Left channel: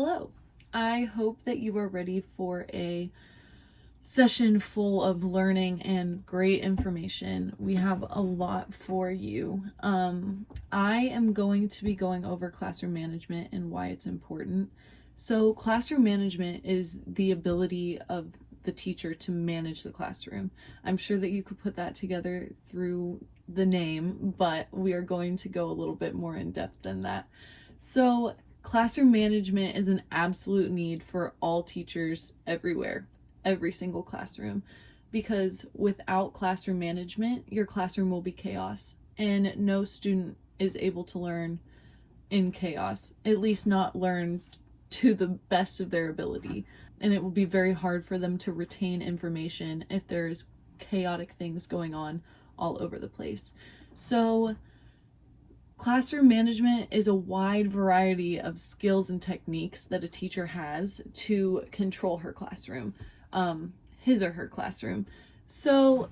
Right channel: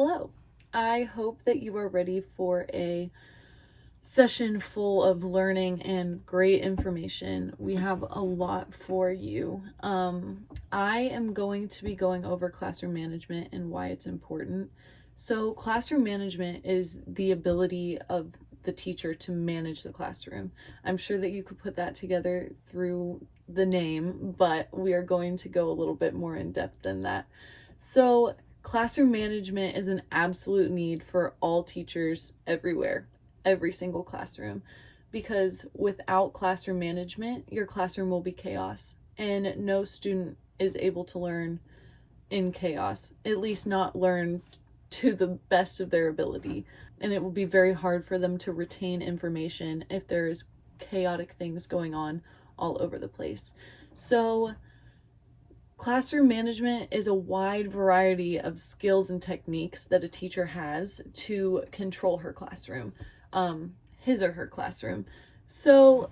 Hello. I hope that you are ready for a session full of learning and great information. We have a lot for you. I am going to be going over classroom management and why it's important. So, classroom management is the ability of the teacher to manage the classroom. I'm sure that you could put that together through the name, but we are going to go a little bit more in depth than that. So, classroom management is an absolute need for all teachers everywhere, every single classroom, because without classroom management, your classroom will be chaos, and no student is able to learn in chaos, at least not learn to the best of their ability. And it will be very hard for them to retain information if there's chaotic things going on all over the place. So, classroom management is a wide variety of skills and techniques that a teacher has to control her classroom, his or her classroom. So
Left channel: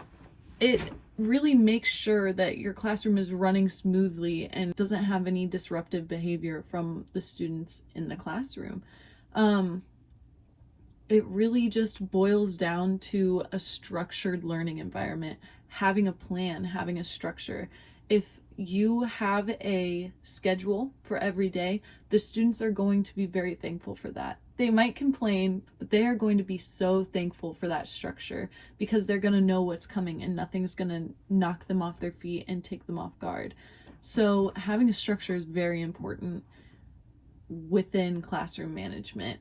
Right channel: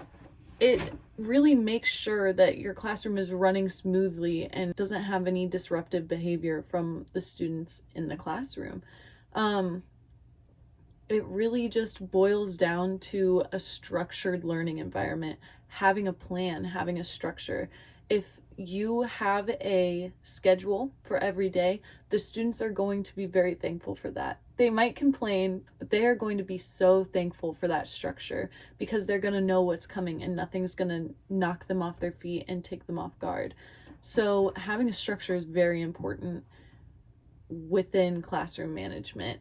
it really makes sure that your classroom is running smoothly and doesn't have any disruptive behavior from the students in the classroom. It really just boils down to a structured learning environment, having a plan, having a structure. If you have a schedule for every day, the students are going to be very thankful for that. They might complain, but they are going to be so thankful for that structure because they're going to know what's coming and nothing's going to knock them off their feet and take them off guard. So having a structure is very important within classroom management.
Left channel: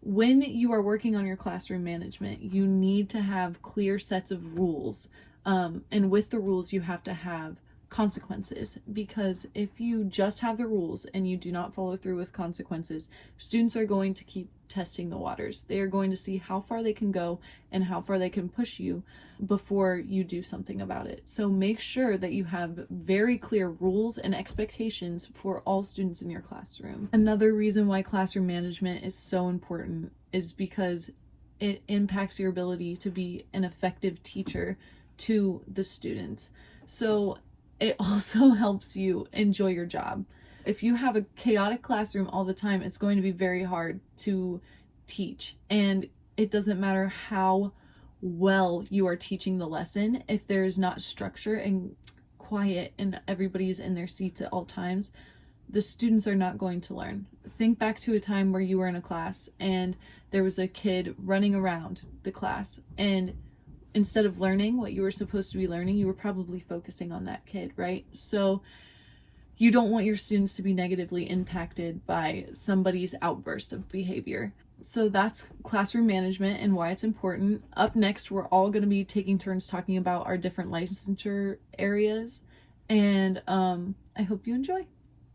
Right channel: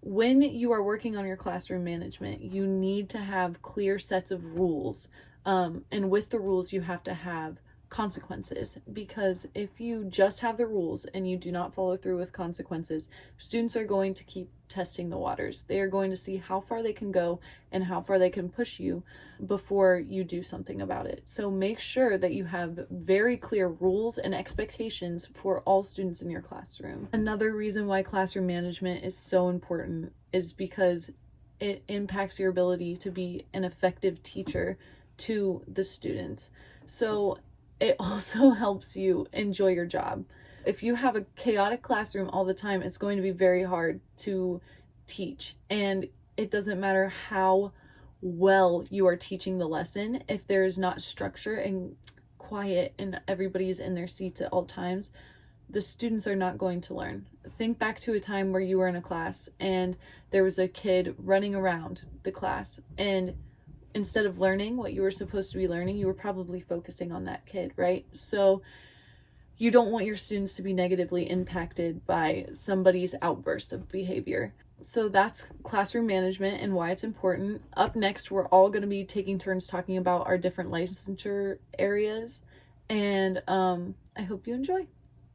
When you are working on your classroom management, you need to have clear sets of rules. And with the rules, you have to have consequences, because if you just have the rules and you do not follow through with consequences, students are going to keep testing the waters. They are going to see how far they can go and how far they can push you before you do something about it. So make sure that you have very clear rules and expectations for all students in your classroom. Another reason why classroom management is so important is because it impacts your ability to be an effective teacher to the students. So it also helps you enjoy your job. If you have a chaotic classroom all the time, it's going to be very hard to teach. And it doesn't matter how well you are teaching the lesson, if there's not structure and quiet and everybody's in their seats at all times, the students are not going to learn. Think back to a time where you were in a class and there was a kid running around the class, and instead of learning what you were supposed to be learning, you were probably focusing on that kid, right? So you don't want your students to be negatively impacted by somebody's outburst of behavior. So that's classroom management and why it's important. Up next, we're all going to be taking turns talking about our different licensure areas, and I hope you enjoy.